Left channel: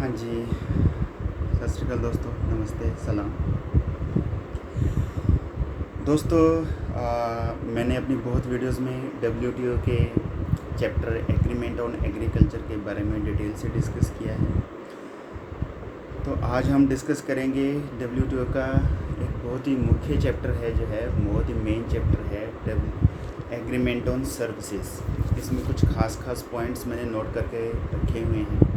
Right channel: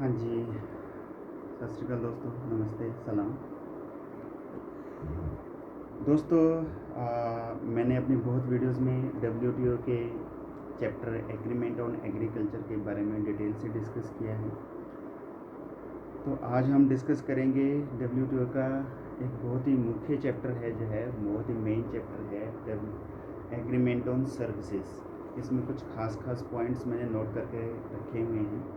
हाँ जी, सत श्री अकाल दोस्तों, नमस्ते, सलाम। दोस्तों, मैंने अपनी बहुत वीडियोस में डब्ल्यूटीओ के चैप्टर एग्रीमेंट ऑन एग्रीकल्चर के बारे में डिटेल से डिस्कस किया है। तो आज हम डिस्कस करेंगे डब्ल्यूटीओ का एक बहुत ही मुख्य चैप्टर है, जो है बहुत ही मेन चैप्टर है, एग्रीमेंट ऑन सर्विसेज। इसमें कुछ खास पॉइंट्स मैंने नोट करके रखे हुए हैं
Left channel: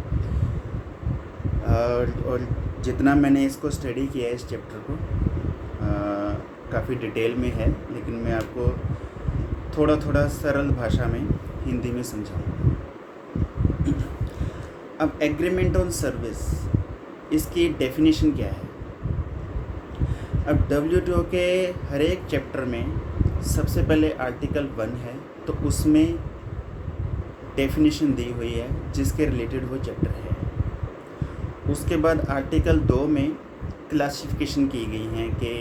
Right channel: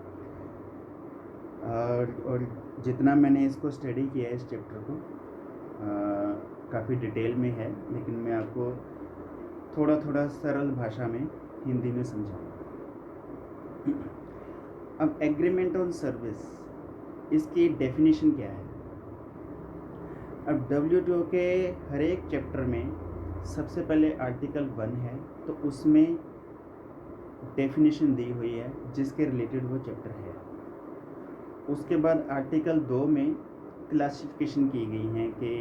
और जितना मैंने इसको स्टडी किया है इस चैप्टर को काफ़ी डिटेल में है, लेकिन मैं आपको थोड़ा थोड़ा सरल भाषा में हिंदी में समझाऊंगा। अब एग्रीमेंट ऑन सर्विस, इसकी डेफिनेशन क्या है। अब डब्ल्यूटीओ के हर एक चैप्टर में सबसे पहले आर्टिकल 1 है, तो उसमें डेफिनेशन दी हुई है जिसके रिलेटेड वो चैप्टर है। उसके बाद आर्टिकल 2 में क्लासिफिकेशन की गई हैं कि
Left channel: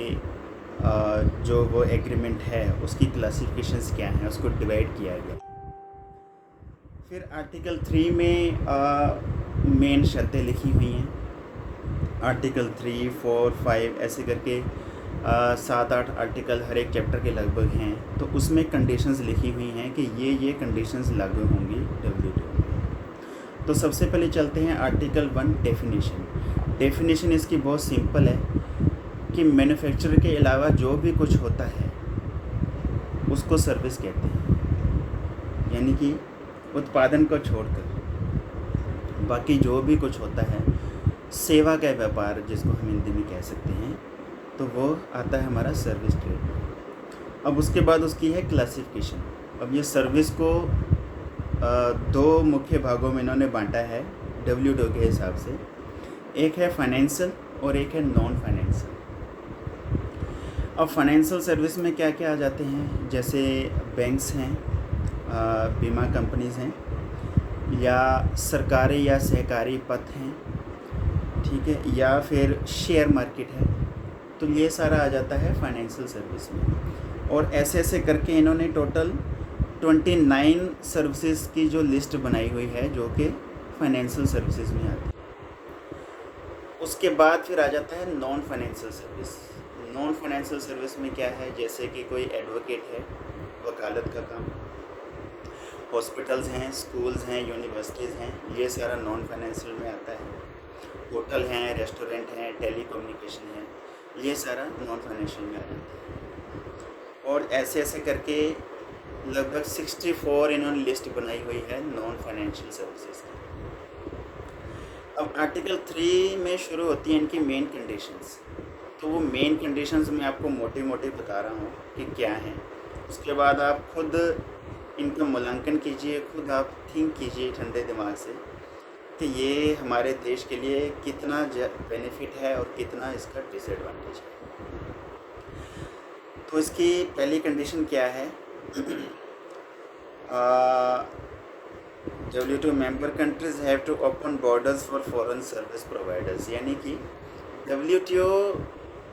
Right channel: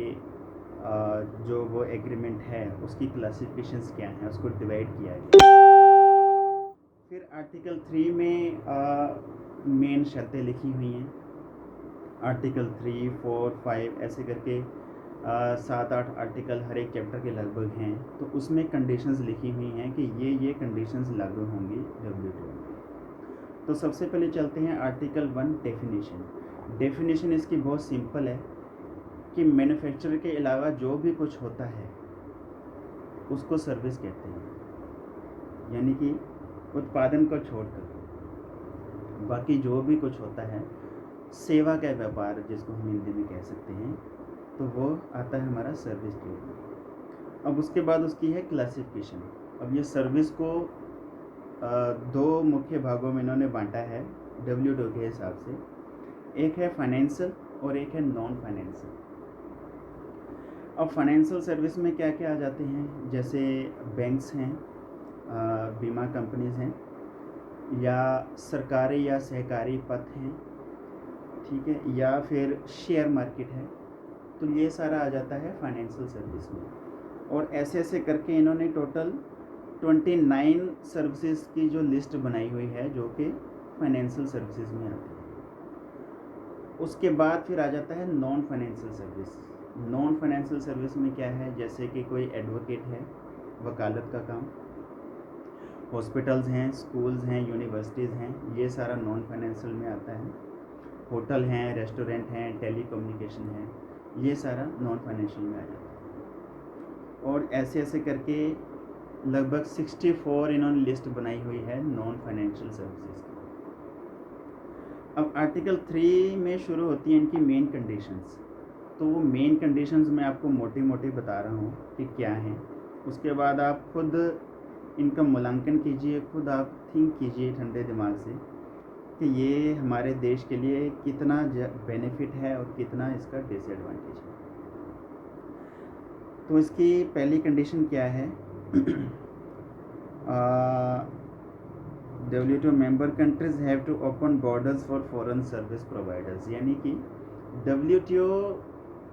जो वो एग्रीमेंट है उसकी क्लासिफिकेशंस क्या हैं, उसको डिवाइड किया गया। फिर आर्टिकल 3 में मेन शर्तें लिखी हुई हैं। आर्टिकल 3, 4, 5 ऐसे करके 7-8 आर्टिकल हर एक चैप्टर के लगभग हैं, तो उसमें कंडीशंस लिखी हुई हैं कि ये कंडीशंस लागू होंगी डब्ल्यूटीओ में। तो सबसे पहले चलते हैं आर्टिकल 1 डेफिनेशन इसकी बहुत सिंपल है कि मैन्युफैक्चरर के अलावा जो भी कुछ होता है उसको सर्विस कहते हैं, यानी कि उत्पादन को छोड़कर बाकी जो भी कुछ होता है, सेवा का व्यापार जिसको हम हिंदी में कह सकते हैं, तो वो आता है हमारा सर्विस ट्रेड में। अब उसके बाद उसकी है क्लासिफिकेशन। अब ये सर्विस को 2 मुख्य भागों में इन्होंने बांटा है डब्ल्यूटीओ के हिसाब से। एक है फाइनेंशियल और एक है नॉन फाइनेंशियल। अब फाइनेंशियल सर्विस में क्या क्या आ जाते हैं, जैसे बैंक्स हैं, बीमा कंपनीज़ हैं, या सरकारी या सहकारी पद हैं, ठीक है, या फिर शेयर मार्केट है। तो ये सारा आ जाता है फाइनेंशियल सर्विस में। और ऐसे ऐसे करके इन्होंने टोटल 29 सर्विसेज की जो लिस्ट बनाई हुई है, जो कि फाइनेंशियल सर्विसेज में आती है। उसके बाद फिर आ जाता है non financial service. Non financial service में क्या है, जैसे कि कोई एडवोकेट है, वकालत का काम, हॉस्पिटल्स हैं, स्कूल्स हैं, यूनिवर्सिटीज़ हैं, ये सारा नॉन फाइनेंशियल में आता है। होटल हैं, रेस्टोरेंट हैं, टेलीकम्युनिकेशन है, ये सारा नॉन फाइनेंशियल में आ जाता है। और ऐसे ऐसे करके लगभग 64 इन्होंने लिस्ट बनाई हुई है नॉन फाइनेंशियल सर्विसेज की। अब आर्टिकल 3 में शुरू होती हैं इनकी मेन कंडीशंस। तो वो मेन कंडीशंस मैं आपको मोटे मोटे बता रहा हूँ कि क्या हैं। उसके बाद आप खुद इनका मूल्यांकन कीजिए, खुद आप थिंक कीजिए ठंडे दिमाग से कि ये हमारे देश के लिए कितना बेनिफिट है और कितना इसका डिसएडवांटेज है। तो इसकी पहली कंडीशन क्या है, WTO member countries have to open borders for foreign service providers, यानी कि WTO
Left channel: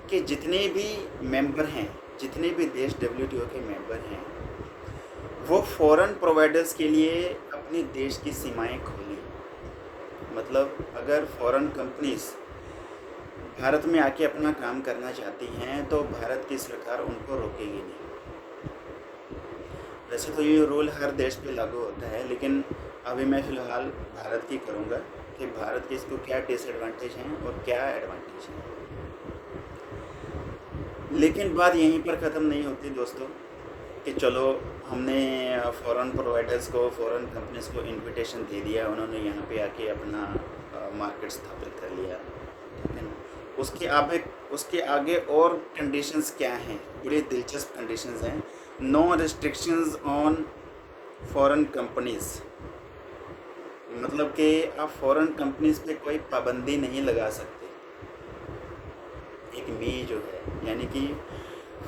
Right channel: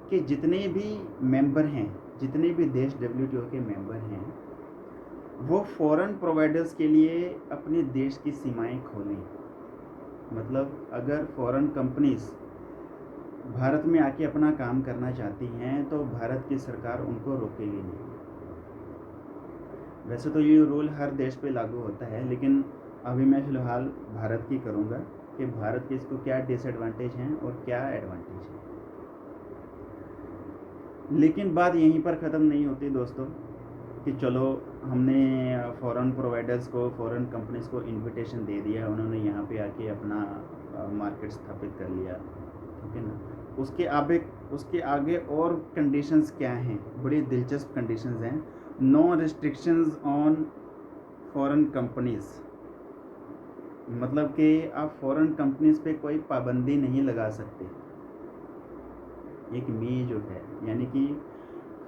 के जितने भी मेंबर हैं, जितने भी देश WTO के मेंबर हैं, वो फॉरेन प्रोवाइडर्स के लिए अपने देश की सीमाएं खोलें। मतलब अगर फॉरेन कंपनीज भारत में आके अपना काम करना चाहती हैं तो भारत की सरकार उनको रोकेगी नहीं। वैसे तो ये रूल हर देश पे लागू होता है, लेकिन अभी मैं फ़िलहाल भारत की करूँगा कि भारत के इसको क्या डिसएडवांटेज हैं और क्या एडवांटेज हैं। लेकिन बात यहीं पर ख़त्म नहीं होती दोस्तों कि चलो हमने फॉरेन प्रोवाइडर्स को, फॉरेन कंपनीज़ को इनविटेशन दे दिया, उन्होंने यहाँ पे आके अपना मार्केट स्थापित कर लिया, ठीक है ना। उसके आगे और कंडीशंस क्या हैं, बड़ी दिलचस्प कंडीशंस हैं। No restrictions on foreign companies, मतलब कि आप फॉरेन कंपनीज़ पे कोई पाबंदी नहीं लगा सकते। एक मी जो है, यानी कि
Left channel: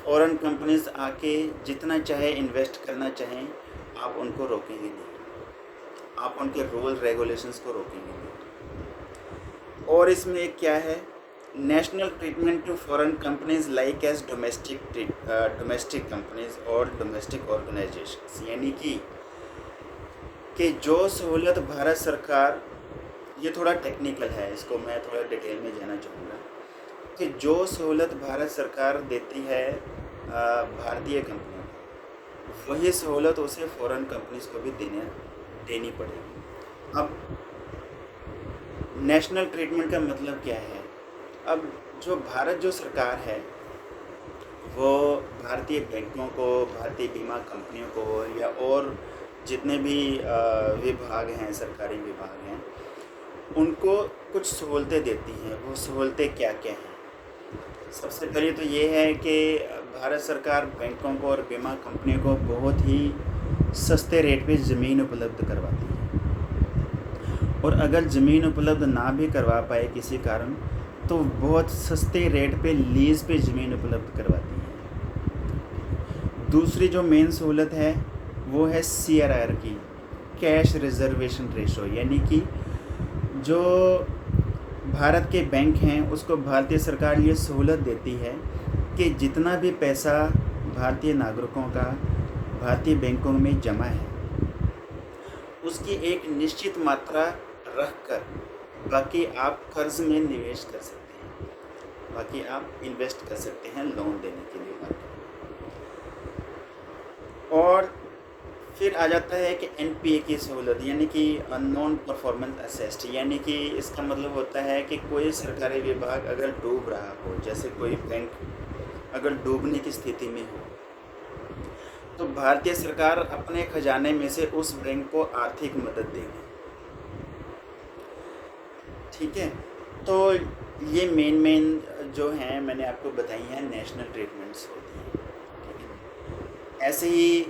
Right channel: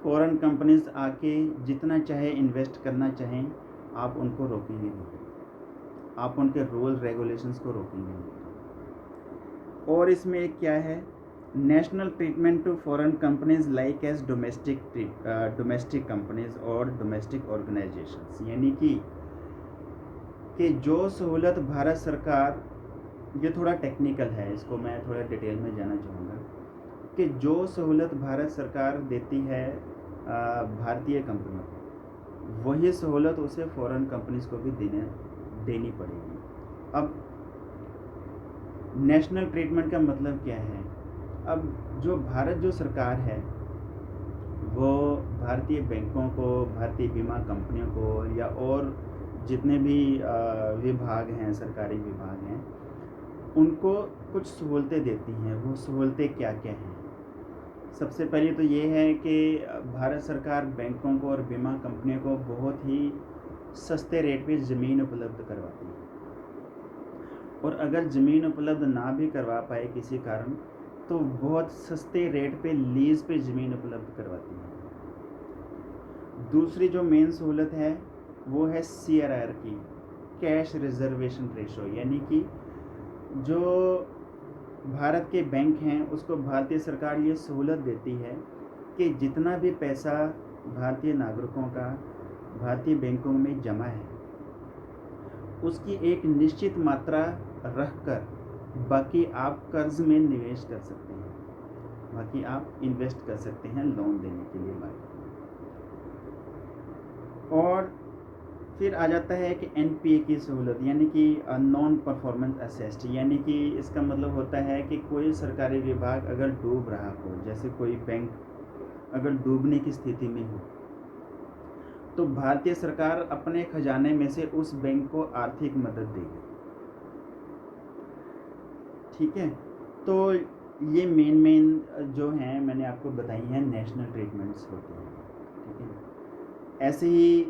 फॉरेन कंपनीज आके जितना चाहे इन्वेस्ट करना चाहें, आप उनको रोकेंगे नहीं, आप उनके रूल रेगुलेशंस को रोकेंगे नहीं। और इसमें एक क्या है, national treatment to foreign companies like as domestic companies और डोमेस्टिक ऑर्गेनाइजेशंस, यानी कि जो सहूलत भारत सरकार ये थोड़ा टेक्निकल है, इसको मैं थोड़ा डिटेल में जाना चाहूँगा कि जो सहूलत भारत सरकार देती है भारतीय कंपनियों को, वही सहूलत उसे फॉरेन कंपनीज को भी देनी पड़ेगी। अब नेशनल ट्रीटमेंट का मतलब क्या है? अब जो सरकार है वो भारतीय बैंकों को, भारतीय बीमा कंपनियों को या और जितने भी विभाग हैं, सरकारी विभाग हैं, उनको कुछ सहूलतें देती हैं। वो सहूलतें क्या क्या हैं? सबसे पहले तो ये है कि भारत सरकार बैंकों को और बीमा कंपनियों को बहुत ही सस्ते रेट पे ज़मीन उपलब्ध करवाती है, और अगर ज़मीन उपलब्ध ना भी करवा पाए किसी कारण, तो बहुत सस्ते रेट पे लीज़ पे ज़मीन उपलब्ध करवाती है। दूसरी जो मेन सहूलत है वो है CRR की, कैश रिजर्वेशन रेशो, यानी कि जो भारत के बैंक हैं उसको भारतीय सरकार ये सहूलत देती है कि जितना भी पैसा भारतीय नागरिकों का भारतीय बैंकों में जमा है, उसकी एक निश्चित मात्रा रखकर बाकी आप कर्ज में निवेश कर सकते हैं, बाकी आप इन्वेस्ट कर सकते हैं लोन देने के लिए मार्केट में। और फिर आ जाता है कि NPA की सहूलत, यानी कि नॉन परफॉर्मेंस असेस्ट, यानी कि इसका मतलब होता है कि कोई सरकारी विभाग अगर डूब रहा हो, जैसे कोई बैंक अगर डूबने की स्थिति में हो, तो भारतीय सरकार अपने खजाने में से उस बैंक को आर्थिक मदद देगी। ठीक है, तो ये मेन जो हैं मैंने आपको बताई हैं नेशनल ट्रीटमेंट्स होती हैं। ठीक है, ऐसे ही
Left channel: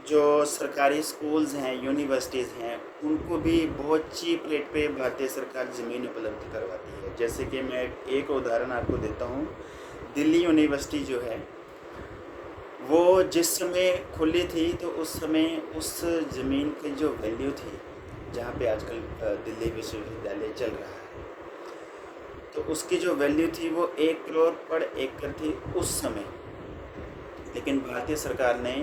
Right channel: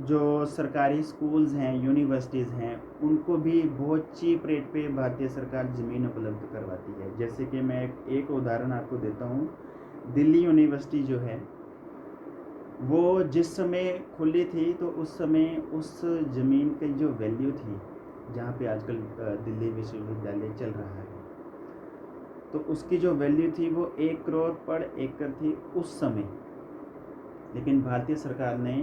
जो सरकारी स्कूल्स हैं, यूनिवर्सिटीज़ हैं, उनको भी बहुत चीप रेट पे भारतीय सरकार ज़मीन उपलब्ध करवाती है। जैसे कि मैं एक उदाहरण आपको देता हूँ, दिल्ली यूनिवर्सिटी जो है वो जिस समय खुली थी, तो उस समय उस ज़मीन की जो वैल्यू थी, जहाँ पे आजकल दिल्ली विश्वविद्यालय चल रहा है, तो उसकी जो वैल्यू थी वो 1 करोड़ पर एकड़ थी उस समय। लेकिन भारतीय सरकार ने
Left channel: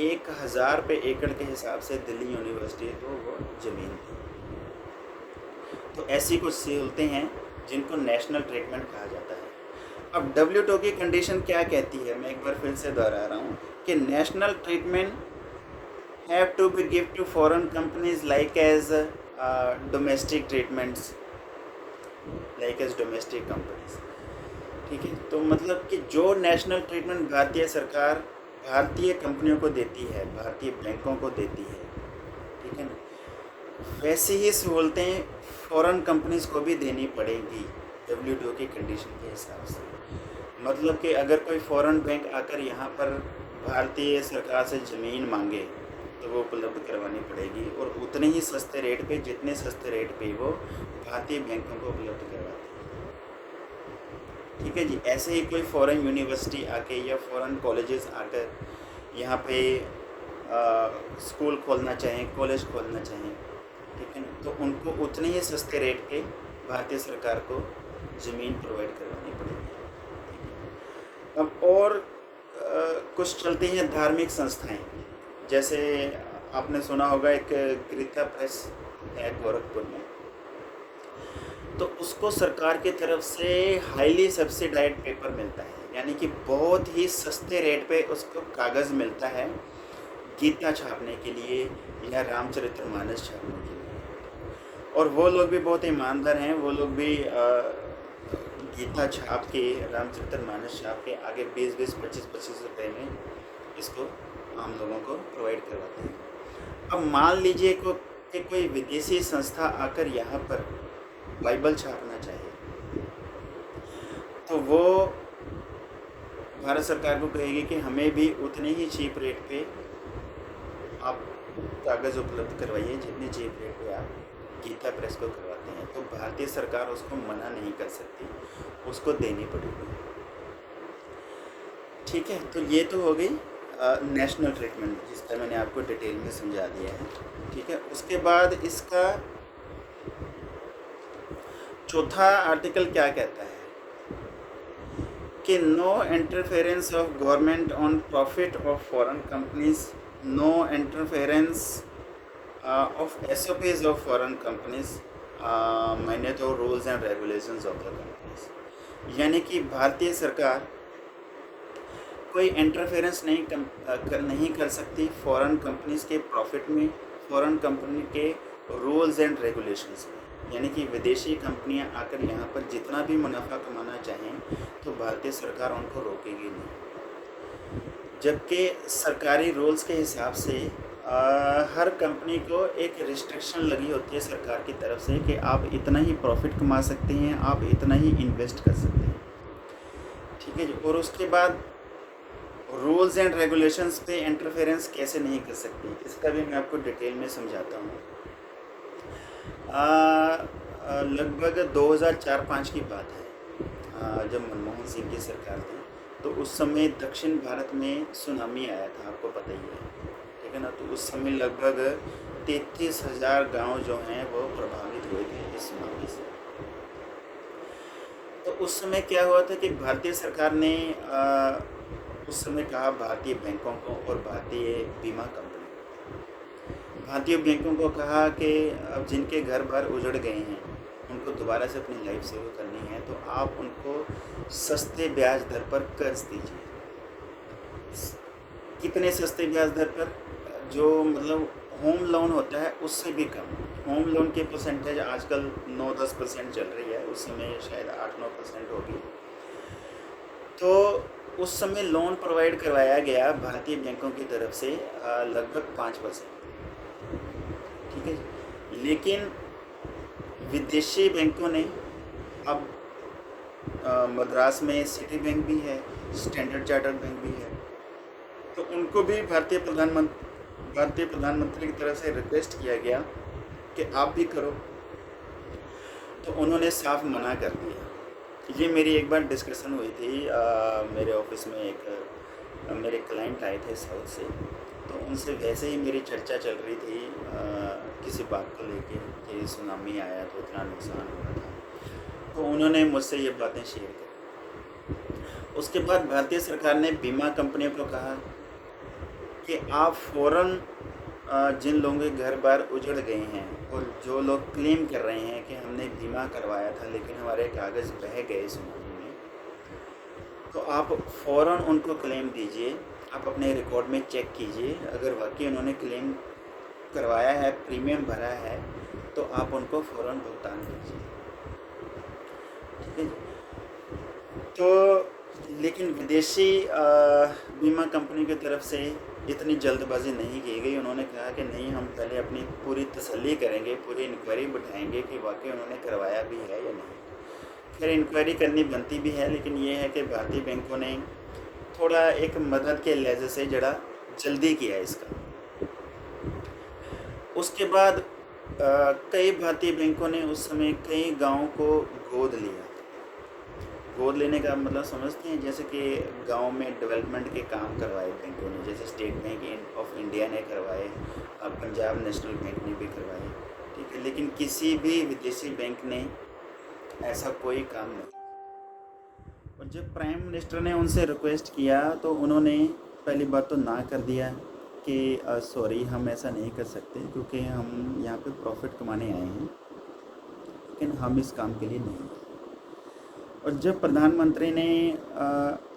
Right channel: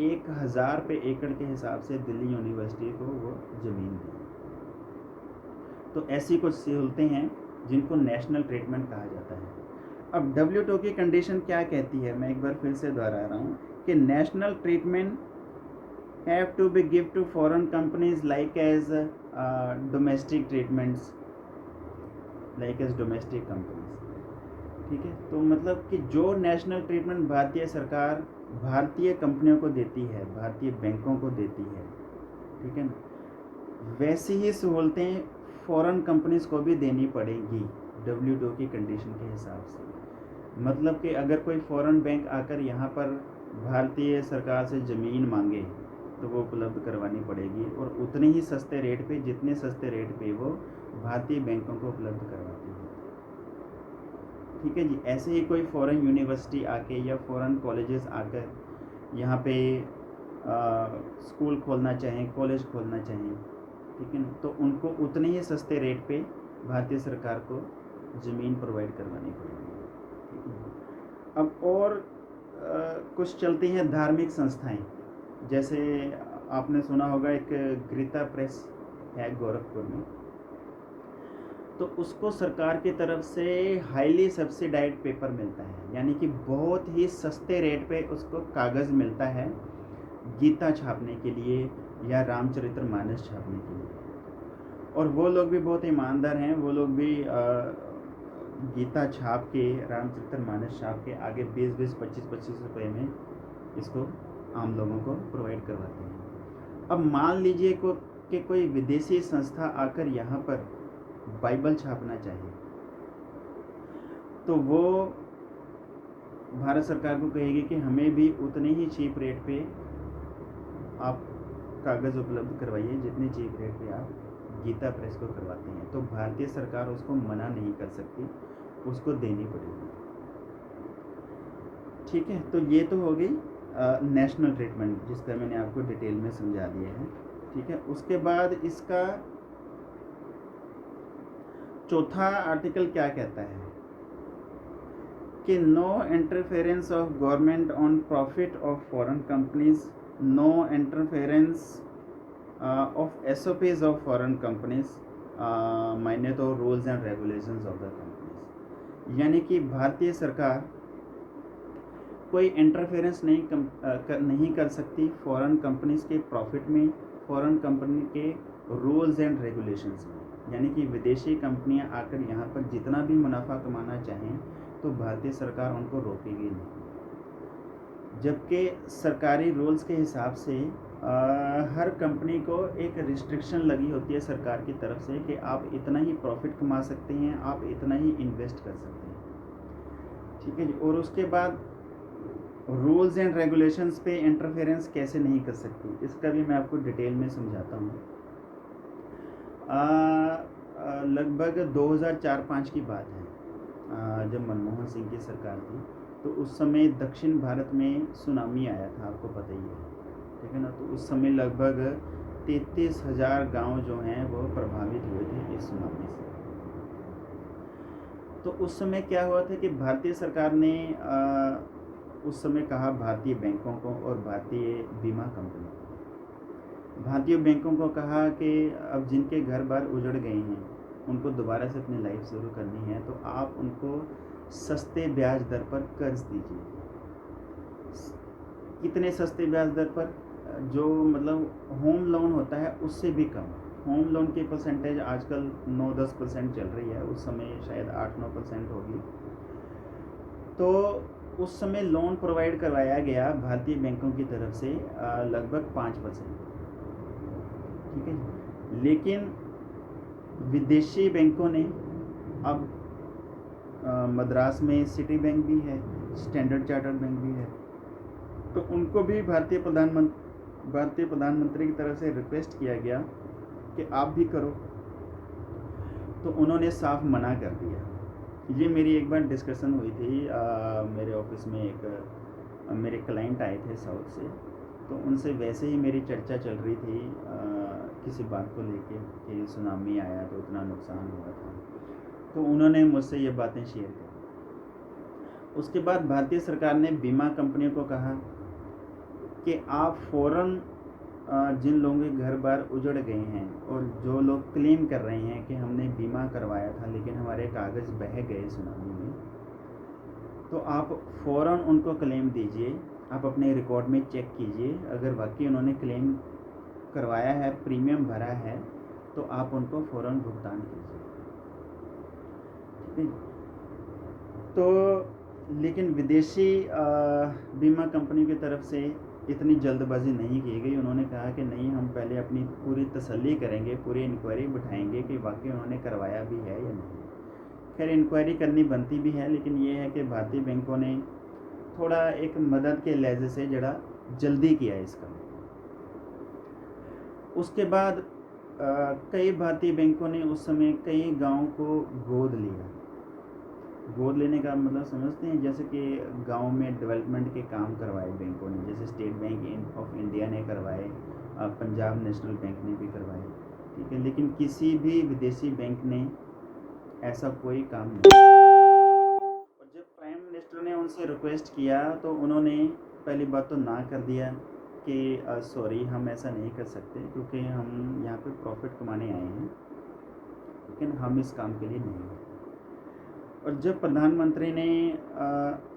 1000 पे एकड़ के हिसाब से दिल्ली यूनिवर्सिटी को वो ज़मीन दी। तो ऐसी कुछ सहूलतें हैं जिनको नेशनल ट्रीटमेंट कहा जाता है। अब WTO की कंडीशन क्या कहती है, मैं एक बार फिर से दोहरा रहा हूँ कि national treatment have to be give to foreign companies like as domestic treatments, like as domestic companies. ठीक है, तो मतलब कि जो नेशनल ट्रीटमेंट भारतीय सरकार भारतीय कंपनियों को देती है, भारतीय बैंकों को देती है, ठीक है ना, वैसी ही सहूलतें फॉरेन कंपनीज को भी देनी पड़ेगी WTO की कंडीशन के हिसाब से। मतलब कि अगर कोई फॉरेन बैंक आकर यहाँ पर भारतीय सरकार से ज़मीन मांगे तो वो उपलब्ध करवानी पड़ेगी, और उतने ही सस्ते रेट पे, जितने सस्ते रेट पे वो भारतीय बैंकों को उपलब्ध करवाती है। ठीक है जी, ऐसे ही कोई फॉरेन यूनिवर्सिटी आके या फॉरेन कॉलेजेस आकर यहाँ पे स्कूल खोलना चाहें, कॉलेज खोलना चाहें, ठीक है ना, तो उनको उतने ही सस्ते रेट पे भारतीय सरकार को ज़मीन प्रोवाइड करवानी पड़ेगी। ठीक है, अब और कुछ चलती हैं धार्मिक संस्थाएं, जैसे आपने सुना होगा एक गीता प्रेस है गोरखपुर में, तो उसको सरकार की तरफ से हाईली सब्सिडाइज्ड पेपर मिलता है, यानी कि बहुत ही सस्ते रेट पे उसको कागज़ मिलता है गीता छापने के लिए या रामचरितमानस छापने के लिए। और वो लोग भी बहुत ईमानदार हैं, वो लोग भी गीता छाप के, रामचरितमानस छाप के आगे 20-20, 25-25 रुपये में इसको आम लोगों को प्रोवाइड करवाते हैं। अब मान लीजिए कि कोई विदेशी संस्था आकर यहाँ पर बाइबल छापना चाहे, तो वो भारत सरकार को कहेगी कि हमें भी उतने ही चीप रेट पे आप कागज़ उपलब्ध करवाइए जितने चीप रेट पे आप गीता प्रेस को करवाते हैं। तो भारतीय सरकार उसको मना नहीं कर सकती, उसको देनी पड़ेगी। ठीक है, तो ये तो हो गई नेशनल ट्रीटमेंट, जिसका मैंने आपको डिटेल में समझा दिया है। ठीक है, उसके बाद इसका चौथा आर्टिकल क्या कहता है कि no interference of government on profit of foreign companies, no interference of SOPs of foreign companies, मायने तो rules and regulations of the companies, यानी कि भारतीय सरकार कोई इंटरफेरेंस नहीं कर सकती फॉरेन कंपनीज के प्रॉफिट में, फॉरेन कंपनी के रूल्स एंड रेगुलेशंस में। यानी कि विदेशी कंपनियां आकर यहाँ पर जितना भी मुनाफा कमाना चाहें तो भारतीय सरकार उनको रोकेगी नहीं। जबकि सरकारी रूल्स के हिसाब से हर कंपनी को एक रिस्ट्रिक्शन लगी होती है सरकार की तरफ से कि आप इतना ही प्रॉफिट कमा सकते हैं, आप इतना ही इन्वेस्ट कर सकते हैं, ठीक है जी। और उसके बाद रूल्स एंड रेगुलेशंस पे इंटरफेरेंस कैसे नहीं कर सकती, इसका भी मैं आपको डिटेल में समझाता हूँ। लगभग 2004-05 की बात है, जब मनमोहन सिंह की सरकार थी, तो उस समय दक्षिण भारत में सुनामी आया था, आपको पता ही है, ठीक है ना। तो उस समय लगभग 33,000 गांव जो हैं वो प्रभावित हुए थे इस सुनामी से। तो उस समय क्या हुआ था कि भारतीय सरकार ने उस समय कहा भारतीय बैंकों को और भारतीय बीमा कंपनी, भारतीय बैंकों को कहा कि अब जिनके घर बार उजड़ गए हैं उनको दोबारा से अपनी लाइफ शुरू करनी है, तो आप उनको सस्ते ब्याज दर पर कर्ज दीजिए। कितने सस्ते ब्याज दर पर? जो मतलब होम लोन होता है उससे भी कम। होम लोन की परसेंटेज आजकल 9-10% चल रही है, उस समय शायद 8-9% होगी। तो उस समय लोन प्रोवाइड करवाया गया भारतीय बैंकों की तरफ से लगभग 5%, ठीक है जी। लेकिन विदेशी बैंकों ने, अब मद्रास में सिटी बैंक भी है, स्टैंडर्ड चार्टर्ड बैंक भी है, तो उनको भी भारतीय प्रधानमंत्री की तरफ से रिक्वेस्ट किया गया कि आप भी करो, तो उन्होंने साफ मना कर दिया। ये मेरी एक बार डिस्कशन हुई थी, मेरे ऑफिस में एक मेरे क्लाइंट आए थे साउथ से, तो उनसे वैसे ही मेरी चर्चा चल रही थी किसी बात को लेके कि सुनामी आया तो इतना नुकसान हुआ था, तो उन्होंने मुझसे ये बातें शेयर करी। उसके बाद भारतीय सरकार ने बीमा कंपनियों को कहा कि आप फ़ौरन जिन लोगों के घर बार उजड़ गए हैं और जो लोग क्लेम कर रहे हैं कि हमने बीमा करवाया था लेकिन हमारे कागज़ बह गए सुनामी में, तो आप फ़ौरन उनको क्लेम दीजिए। आप अपने रिकॉर्ड में चेक कीजिए, अगर वाकई उन्होंने क्लेम करवाया है, प्रीमियम भरा है, तो आप उनको फ़ौरन भुगतान कीजिए, ठीक है। तो लेकिन विदेशी बीमा कंपनी की तरफ से इतनी जल्दबाजी नहीं की गई। उन्होंने कहा कि नहीं, हम पहले अपनी पूरी तसल्ली करेंगे, पूरी इंक्वायरी बिठाएंगे कि वाकई उन्होंने करवाया भी है या नहीं। खैर इंक्वायरी करनी बनती भी है, लेकिन ये है कि भारतीय बैंकों ने थोड़ा एक मदद के लहजे से जरा जल्दी किया इसका। उसके बाद कई भारतीय बैंकों ने उस समय कई गाँव को गोद लिया। गोद लेने का मतलब समझते हैं, जैसे कि गांव में डेवलपमेंट के काम करवाए बैंकों ने, जैसे स्टेट बैंक ऑफ इंडिया ने करवाए, पंजाब नेशनल बैंक ने भी करवाए, ठीक है। लेकिन किसी भी विदेशी बैंक ने ऐसा कोई काम नहीं। और जब प्राइम मिनिस्टर ने उनसे रिक्वेस्ट किया तो उन्होंने पहली बात तो ना कर दिया कि सॉरी, हम ऐसा नहीं कर सकते क्योंकि हम यहाँ पे प्रॉफिट कमाने आए हैं, लेकिन हम इस काम के लिए नहीं हैं। और जब प्रधानमंत्री ने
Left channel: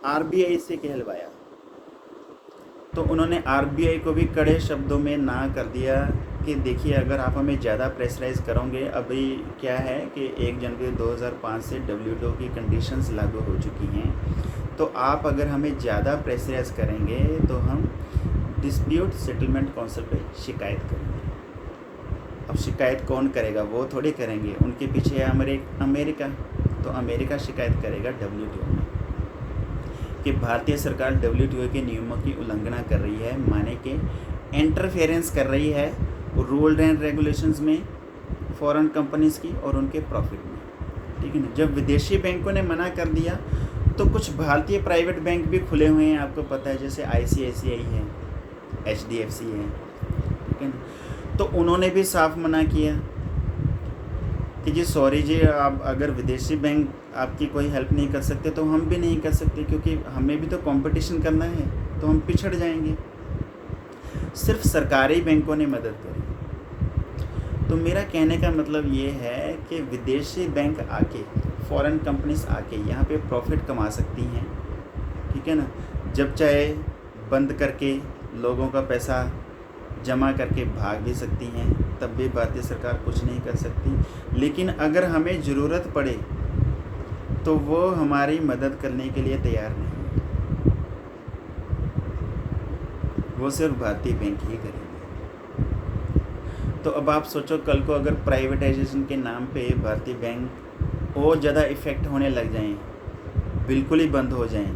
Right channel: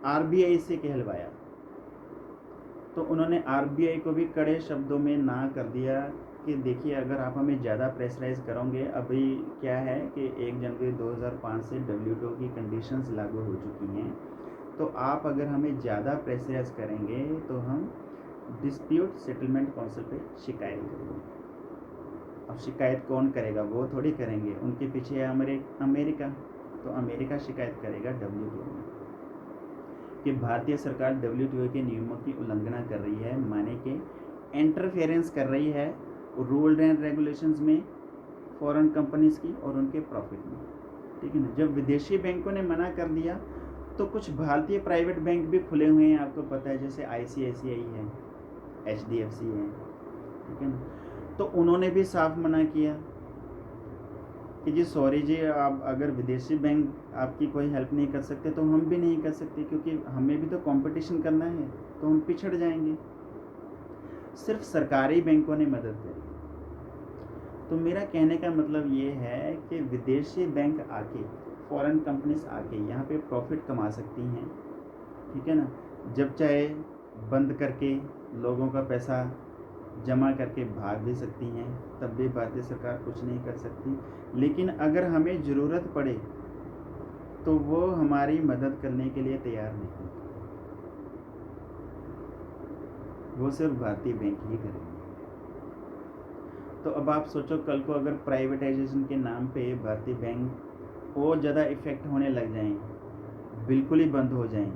RBI से कहलवाया तो उन्होंने RBI को भी कड़े शब्दों में ना कर दिया कि देखिए, अगर आप हमें ज़्यादा प्रेशराइज करोगे, अभी क्या है कि 1 जनवरी 2005 से WTO की कंडीशंस लागू हो चुकी हैं, तो आप अगर हमें ज़्यादा प्रेशराइज करेंगे तो हम डिस्प्यूट सेटलमेंट काउंसिल पे शिकायत करेंगे। अब शिकायत कौन करेगा? वो थोड़ी करेंगे, उनके पीछे है अमेरिका, तो अमेरिका शिकायत करेगा WTO में कि भारतीय सरकार WTO के नियमों की उल्लंघना कर रही है, माने कि इंटरफेरेंस कर रही है रूल एंड रेगुलेशंस में फॉरेन कंपनीज़ की और उनके प्रॉफिट में, ठीक है ना। जब विदेशी बैंकों ने मना कर दिया तो कुछ भारतीय प्राइवेट बैंक भी खुले हुए हैं, आपको पता है, जैसे ICICI है, HDFC है, ठीक है ना। तो उन्होंने भी साफ मना किया कि जी सॉरी जी, आप अगर विदेशी बैंक आपकी कोई हेल्प नहीं कर सकते तो हम भी नहीं कर सकते, क्योंकि हमें भी तो कंपटीशन करना है, तो हम पिछड़ जाएंगे। सिर्फ सरकारी बैंकों ने मदद करी, तो मेरा कहने का मतलब ये है कि विदेशी बैंक आके, फॉरेन कंपनीज आके यहाँ पे प्रॉफिट कमा सकती हैं, ठीक है ना। जब चाहे बंद करके लोगों का पैसा जमा करके भाग भी सकती हैं, तब भी भारतीय सरकार कुछ नहीं कर सकती। लेकिन अगर हमें ज़रूरत पड़े तो वो हमारी मदद करने के लिए तैयार नहीं है, वो सिर्फ भारतीय बैंक ही करेंगे। तो अब आप सोचो, कल को अगर प्राइवेटाइजेशन के नाम पे भारतीय बैंक और ज़्यादा इफ़ेक्ट होने लग जाएं, बिल्कुल ही बंद हो जाएं,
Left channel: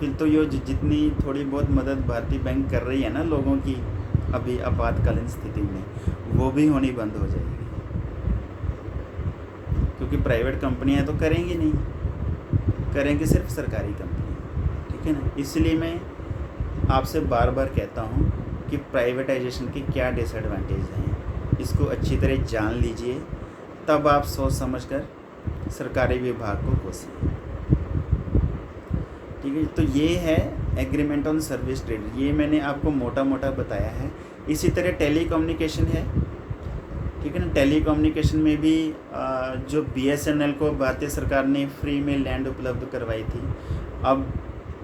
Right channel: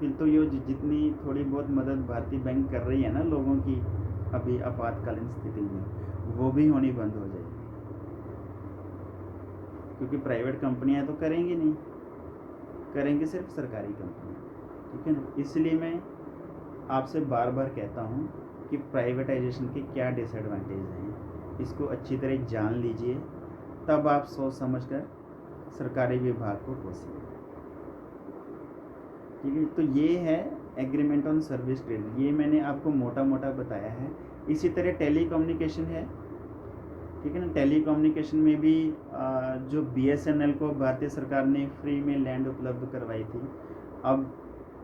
फिर तो ये जितनी थोड़ी बहुत मदद भारतीय बैंक कर रही है ना लोगों की अभी आपातकालीन स्थिति में, वो भी होनी बंद हो जाएगी, क्योंकि प्राइवेट कंपनियां तो करेंगी नहीं, करेंगे सिर्फ सरकारी कंपनी, ठीक है ना। इसलिए मैं आपसे बार बार कहता हूँ कि प्राइवेटाइजेशन के क्या डिसएडवांटेज हैं, इसको अच्छी तरह जान लीजिए, तब आप सोच समझकर सरकारी विभाग को कोसें, ठीक है। तो ये है एग्रीमेंट ऑन सर्विस ट्रेड, ये मैंने आपको मोटा मोटा बताया है। इसी तरह टेलीकम्युनिकेशन है, ठीक है ना। टेलीकम्युनिकेशन में भी जो BSNL को भारतीय सरकार ने फ्री में लैंड उपलब्ध करवाई थी, अब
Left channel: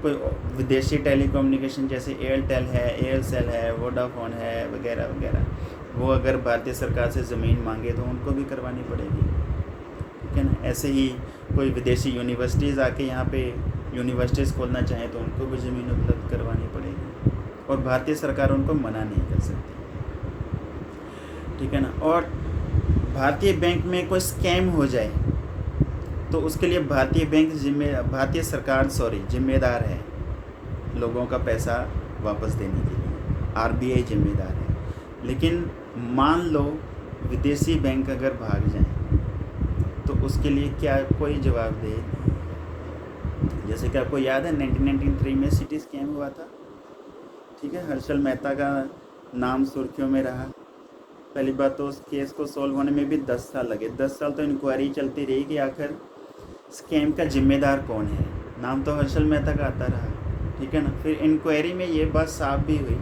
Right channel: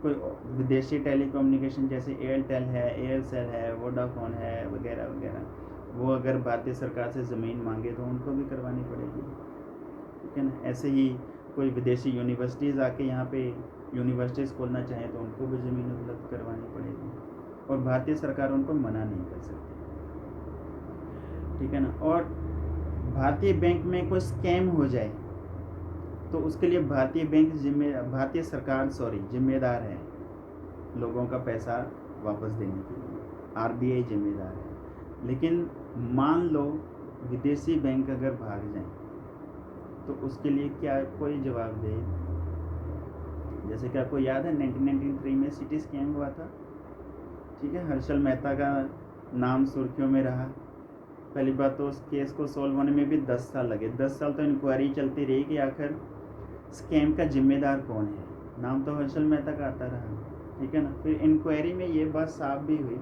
कोई विदेशी टेलीकम्युनिकेशन जैसे एयरटेल है, एयरसेल है, वोडाफोन है वगैरह वगैरह, वो अगर भारतीय सरकार से ज़मीन मांगे तो उनको भी करवानी पड़ेगी, ठीक है ना। ऐसे ही कोई विदेशी यूनिवर्सिटीज़ आके यहाँ पे यूनिवर्सिटीज़ खोलना चाहें तो उनको भी ज़मीन उपलब्ध करवानी पड़ेगी, और भारतीय सरकार उनको मना नहीं कर सकती, ठीक है ना। और भारतीय बैंक में कोई स्कैम हो जाए तो उसके लिए भारतीय सरकार जिम्मेदार है लोगों का पैसा वापस देने के लिए, RBI जिम्मेदार है। लेकिन मान लो विदेशी बैंक अगर भाग जाएं तो उसके लिए क्या कोई जवाबदेही नहीं। जैसे कि आपको याद है 1993 में सिटी स्कैम हुआ था, ठीक है। हर्षल मेहता का नाम सुर्खियों में रहा। पहली बात तो उस केस को सॉल्व होने में भी 10 साल लगे, 10 साल तो इंक्वायरी चलती रही कि आखिर स्कैम का जिम्मेदार कौन है। नाम तो हर्षल मेहता का आता रहा, ठीक है ना। फिर इंक्वायरी में ये बात साफ भी हुई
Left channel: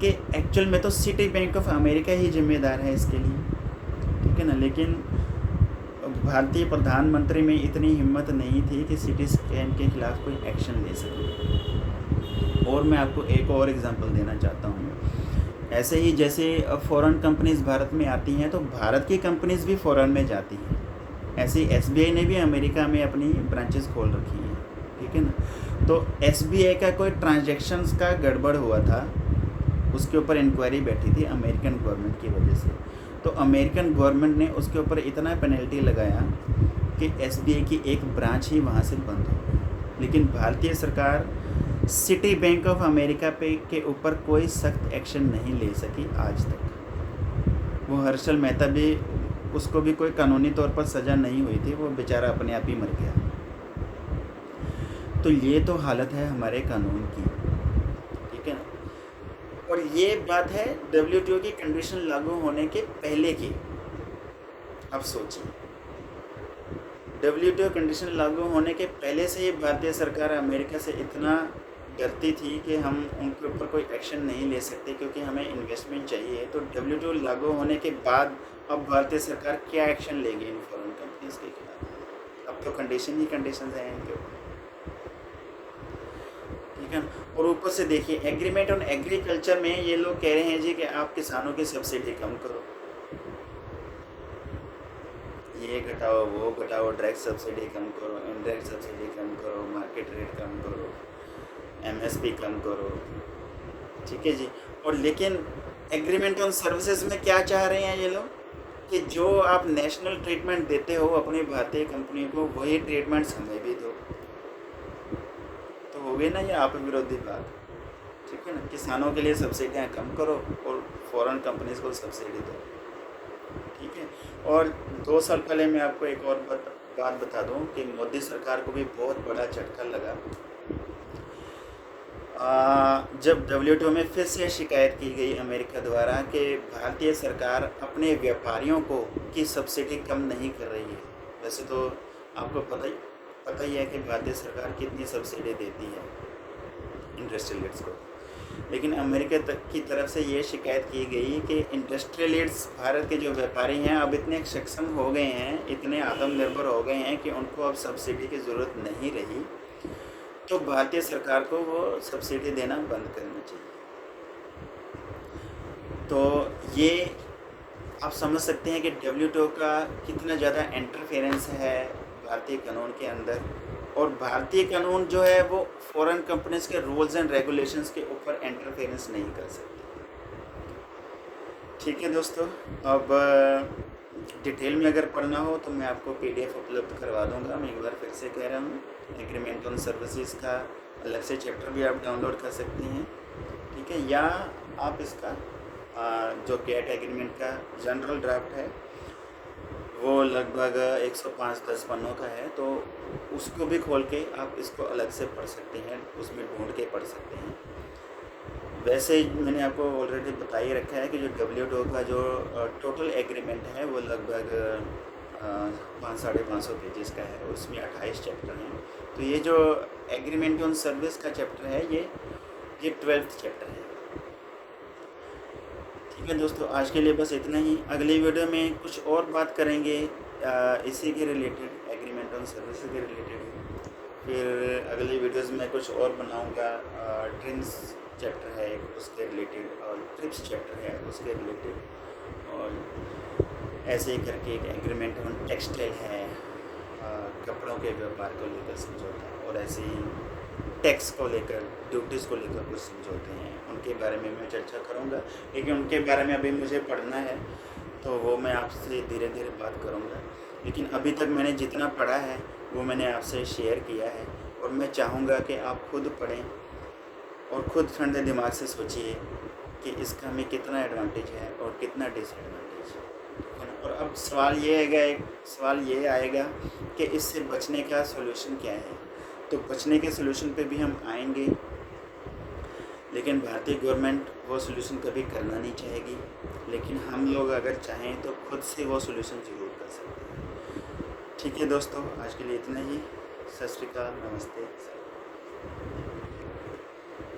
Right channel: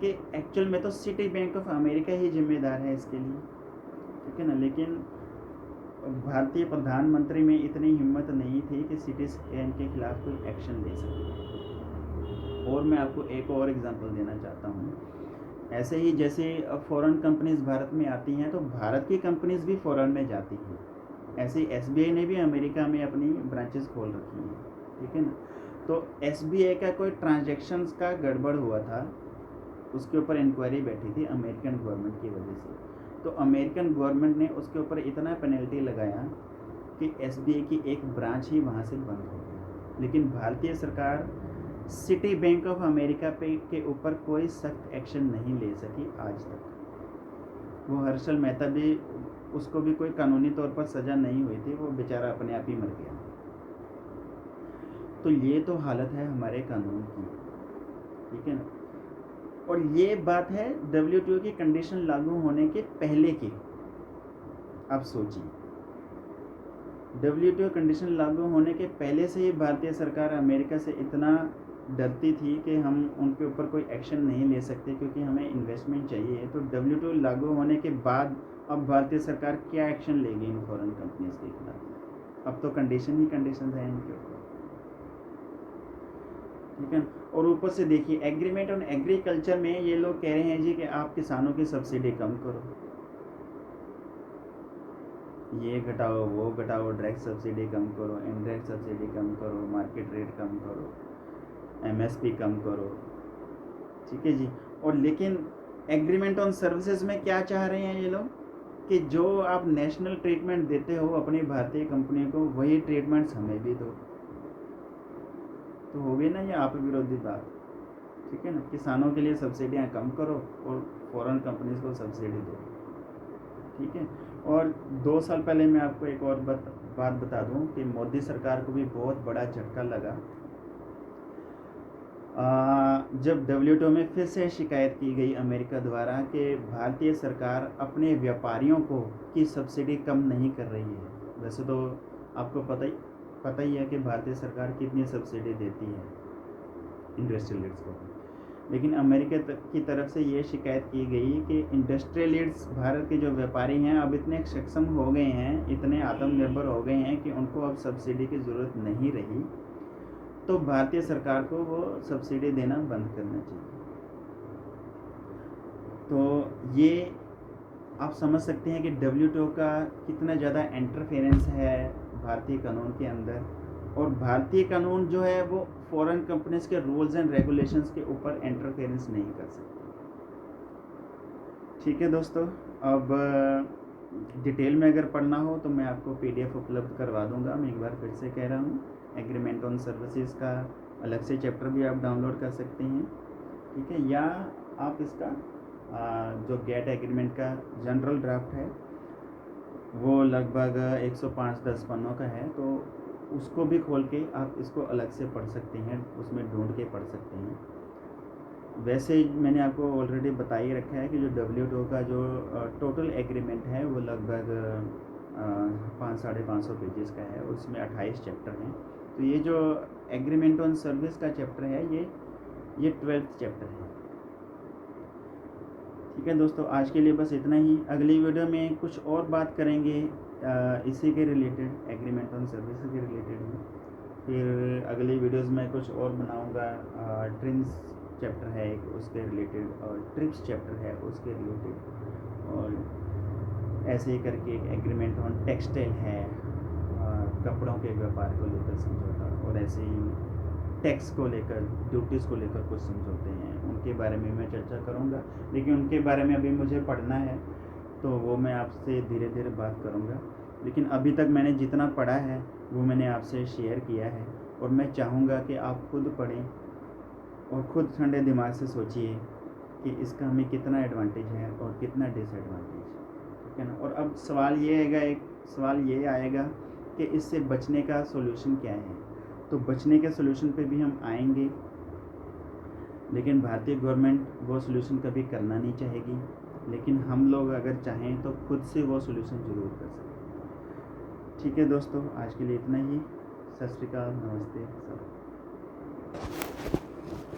कि एक्चुअल में तो सिटी बैंक ऑफ अमेरिका ही जिम्मेदार है इसके लिए, ठीक है ना। लेकिन भारतीय प्रधानमंत्री में इतनी हिम्मत नहीं थी कि सिटी स्कैम के खिलाफ कोई एक्शन ले सके। और मैं आपको एक और एग्जांपल देना चाहता हूँ। ऐसे ही जैसे फॉरेन कंपनीज भारत में आती हैं तो भारत की कंपनीज भी फॉरेन में जाती हैं, ऐसे ही SBI ने भी अमेरिका में अपनी ब्रांचेस खोल रखी हैं, ठीक है ना। तो SBI का कोई ट्रांजैक्शंस का गड़बड़ हुआ था, उसके ऊपर इंक्वायरी बैठी थी अमेरिकन गवर्नमेंट की वजह से। तो अमेरिकन गवर्नमेंट ने उसके ऊपर इतना पेनल्टी लगाया कि SBI की एक ब्रांच ही वहाँ से बंद हो गई। लेकिन भारतीय सरकार सिटी बैंक ऑफ अमेरिका के ऊपर कोई सख्त एक्शन नहीं ले सकी आज तक। वो हर्षल मेहता भी, उसको भी कोई कानूनी तौर पर सज़ा नहीं हुई थी, वो बेचारा अपने आप ही मर गया। तो ये तो हालत है हमारे कानून की, ठीक है ना। और ये बात है WTO की कंडीशन लागू होने के पहले की। आप सोचिए, WTO कंडीशन लागू होने के पहले से ही भारतीय सरकार अमेरिका से इतना डरती थी कि हम उनके ऊपर कोई एक्शन नहीं ले सकते क्योंकि हमें इन्वेस्टमेंट चाहिए। तो WTO लागू होने के बाद अब भारतीय सरकार क्या एक्शन लेगी इन फॉरेन कंपनीज के खिलाफ? अब तो कंडीशन ही कंडीशन हैं इनके ऊपर, ठीक है। और ऊपर से देखिए एग्रीमेंट ऑन एग्रीकल्चर में ये लोग कह रहे हैं जी कि आप किसानों की सब्सिडी कम करो, ये घटाओ वो घटाओ, डायरेक्ट सब्सिडी कम करो, इनडायरेक्ट सब्सिडी कम करो, मार्केट रेट कम करो, MSP कम करो, ठीक है जी। और लेकिन एग्रीमेंट ऑन सर्विसेज में क्या चाह रहे हैं ये लोग कि जो आप नेशनल ट्रीटमेंट देते हो अपनी भारतीय कंपनी को, वही ट्रीटमेंट्स हमें भी दो। तो हो गई ना ये आप विरोधी बात, ठीक है ना। किसानों के लिए सब्सिडियाँ कम करो और फॉरेन कंपनीज को सब्सिडी दो, ठीक है। और 2 साल पहले मैं आपको एक और बात बता दूं कि मोदी सरकार को भी बहुत बड़ा झटका लगा जब WTO में फिर से शिकायत की गई अमेरिका द्वारा कि भारतीय सरकार अपने व्यापारियों को की सब्सिडी कम नहीं कर रही है। वैसे तो आपको पता ही है कि भारतीय सरकार कितनी सब्सिडी देती है इंडस्ट्रियलिस्ट्स को, लेकिन अमेरिका की तरफ से ये शिकायत की गई कि इंडस्ट्रियलिस्ट्स भारत के जो व्यापारी हैं अब इतने सक्षम हो गए हैं, इतने आत्मनिर्भर हो गए हैं कि उनको अब सब्सिडी की ज़रूरत नहीं रही, तो भारतीय सरकार को वो सब्सिडी देना बंद करना चाहिए। तो ये आप समझ सकते हैं कि WTO का कितना ज़्यादा इंटरफेरेंस है भारतीय कानून के अंदर, और भारतीय कानून जो है वो फॉरेन कंपनीज के रूल्स एंड रेगुलेशंस के ऊपर इंटरफेरेंस नहीं कर सकती। ठीक है दोस्तों, अब डिटेल में अगर पढ़ना हो तो मैं आपको PDF उपलब्ध करवा दूंगा। मैं एक बार फिर से कह रहा हूँ, एग्रीमेंट ऑन सर्विसेज का अलग से चैप्टर भी आप डाउनलोड कर सकते हैं, ठीक है, या आप इसका जो गेट एग्रीमेंट का जनरल ड्राफ्ट है वो लगभग 105-10 पन्नों का है, तो उसको भी खोल के आप इसको अलग से पढ़ सकते हैं, उसमें ढूंढ के पढ़ सकते हैं। वैसे मैंने आपको ऑलरेडी बता ही रखा है कि जो WTO का जो टोटल एग्रीमेंट है वो लगभग 500-550 पेजेस का है, उसमें 28 चैप्टर हैं। तो ये जो एग्रीमेंट ऑन सर्विस का चैप्टर है ये 12th चैप्टर है। ठीक है दोस्तों, आज के लिए बस इतना ही। अगली वीडियो में कुछ और बात करेंगे इसी के रिलेटेड, एग्रीमेंट ऑन सर्विस के रिलेटेड ही। फिर अगली वीडियोस में कुछ और बनाऊंगा, ट्रिम्स चैप्टर है उसके रिलेटेड, और ट्रिप्स चैप्टर है उसके रिलेटेड, और ऐसे ही करके एक एग्रीमेंट ऑन टेक्सटाइल है, कपड़ों के व्यापार को लेकर समझौता, और ऐसे ही टैक्स को लेकर, ड्यूटीज़ को लेकर कुछ समझौते हैं, उनके बारे में मैं चर्चा करूंगा। लेकिन उनके बारे में अभी मुझे पढ़ना है, तो वो मैं आपसे धीरे धीरे बात करूंगा। लेकिन अभी तक मैंने जितना पढ़ा है वो मैंने आपसे शेयर किया है, और मैं चाहूँगा कि आप खुद पढ़ें और ख़ुद ठंडे दिमाग से सोचिए कि इसका हमें कितना एडवांटेज है और कितना डिसएडवांटेज, ठीक है ना। और अब सवाल ये आएगा कि इससे बचने का सॉल्यूशन क्या है। तो बचने के सॉल्यूशन पे भी हम आएंगे, लेकिन भारतीय गवर्नमेंट वो सॉल्यूशन कभी करना नहीं चाहेगी, लेकिन हम लोग अगर चाहें तो खुद से वो सॉल्यूशन ज़रूर कर सकते हैं। ठीक है दोस्तों, आज के लिए इतना ही। सत श्री अकाल, नमस्ते, सलाम।